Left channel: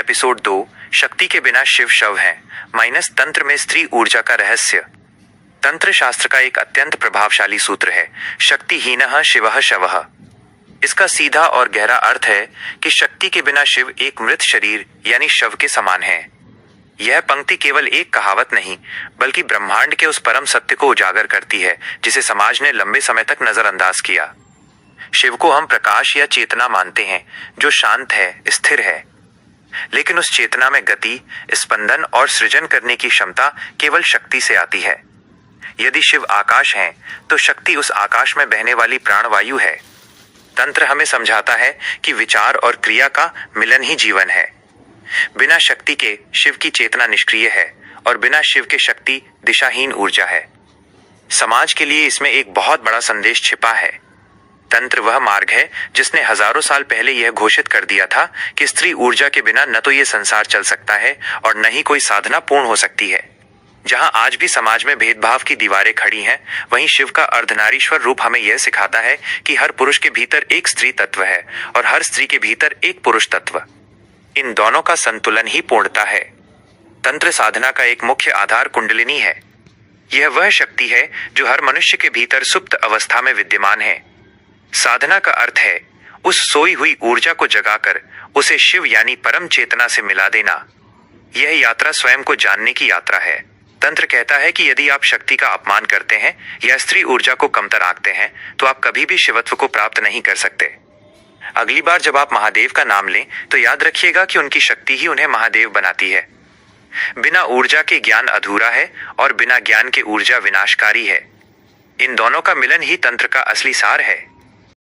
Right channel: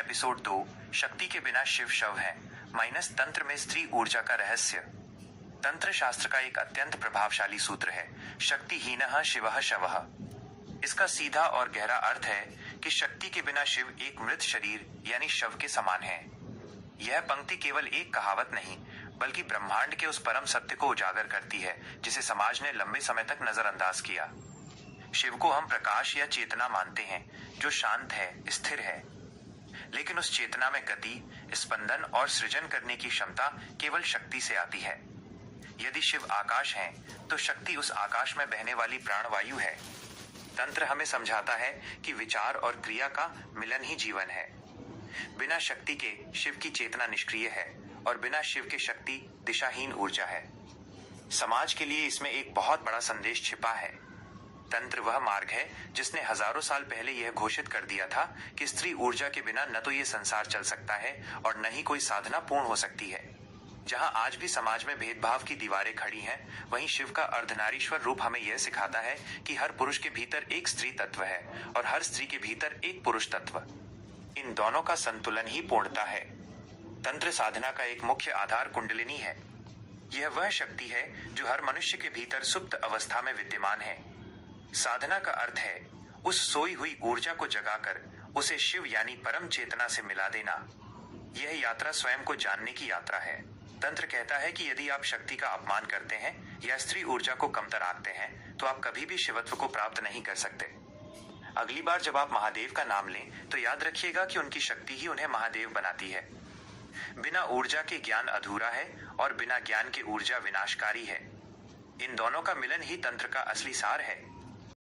Episode 2 शक्ति के बिना शिव शव हैं माइनस तंत्र में स्त्री ऊर्जा का रहस्य। तंत्र शास्त्र का एक अत्यंत प्रभावशाली सूत्र है, शक्तिहीनः शिवः शवः। इसका सीधा और गहरा अर्थ है कि शक्ति के बिना शिव एक मृत शरीर यानी शव के समान है। यह पंक्ति केवल एक कहावत नहीं बल्कि ब्रह्मांड के उस परम सत्य को उजागर करती है जिसे समाज ने लंबे समय तक नजरअंदाज किया। शिव को हम प्रकाश या चेतना मानते हैं जो शांत है, स्थिर है, लेकिन उस चेतना में गति, स्पंदन और सृजन करने की क्षमता केवल शक्ति से आती है। यदि शिव आकाश है तो शक्ति उस आकाश में बहने वाली प्राणवायु है। तंत्र हमें समझाता है कि विचार और क्रिया का मिलन ही जीवन है। बिना शक्ति के शिव की चेतना निष्क्रिय है और बिना शिव के शक्ति दिशाहीन ऊर्जा है। समाज के लिए इसमें एक बहुत बड़ा संदेश छिपा है। तंत्र वह मार्ग है जिसने हजारों साल पहले यह घोषित कर दिया था कि स्त्री ऊर्जा के बिना न तो ये संसार चल सकता है और न ही कोई साधना पूर्ण हो सकती है। जहां आज भी समाज में भेदभाव की दीवारें खड़ी हैं, वहीं शिव का अर्धनारीश्वर रूप हमें यह सिखाता है कि हर पुरुष के भीतर एक स्त्री तत्व है और हर स्त्री के भीतर एक पुरुष तत्व। इन दोनों का संतुलन ही पूर्णता है। तंत्र साधना का एक मुख्य आधार कुंडलिनी है। यह वह शक्ति है जो हर मनुष्य के भीतर सुप्त अवस्था में विद्यमान है। साधना का अर्थ है उस सोई हुई ऊर्जा को जगाकर उसे शिव यानी परम चेतना से मिला देना। यह यात्रा स्वयं को जानने की यात्रा है। तंत्र कहता है कि यदि आप शक्ति का अपमान करते हैं या स्त्री ऊर्जा को कमतर आंकते हैं तो आप कभी भी शिवत्व को प्राप्त नहीं कर सकते। अगली बार जब आप महादेव का नाम लें तो याद रखिएगा कि उनकी शक्ति ही उन्हें महादेव बनाती है। बिना ऊर्जा के ज्ञान अधूरा है और बिना ज्ञान के ऊर्जा विनाशकारी है। इन दोनों का मिलन ही तंत्र का असली सार है।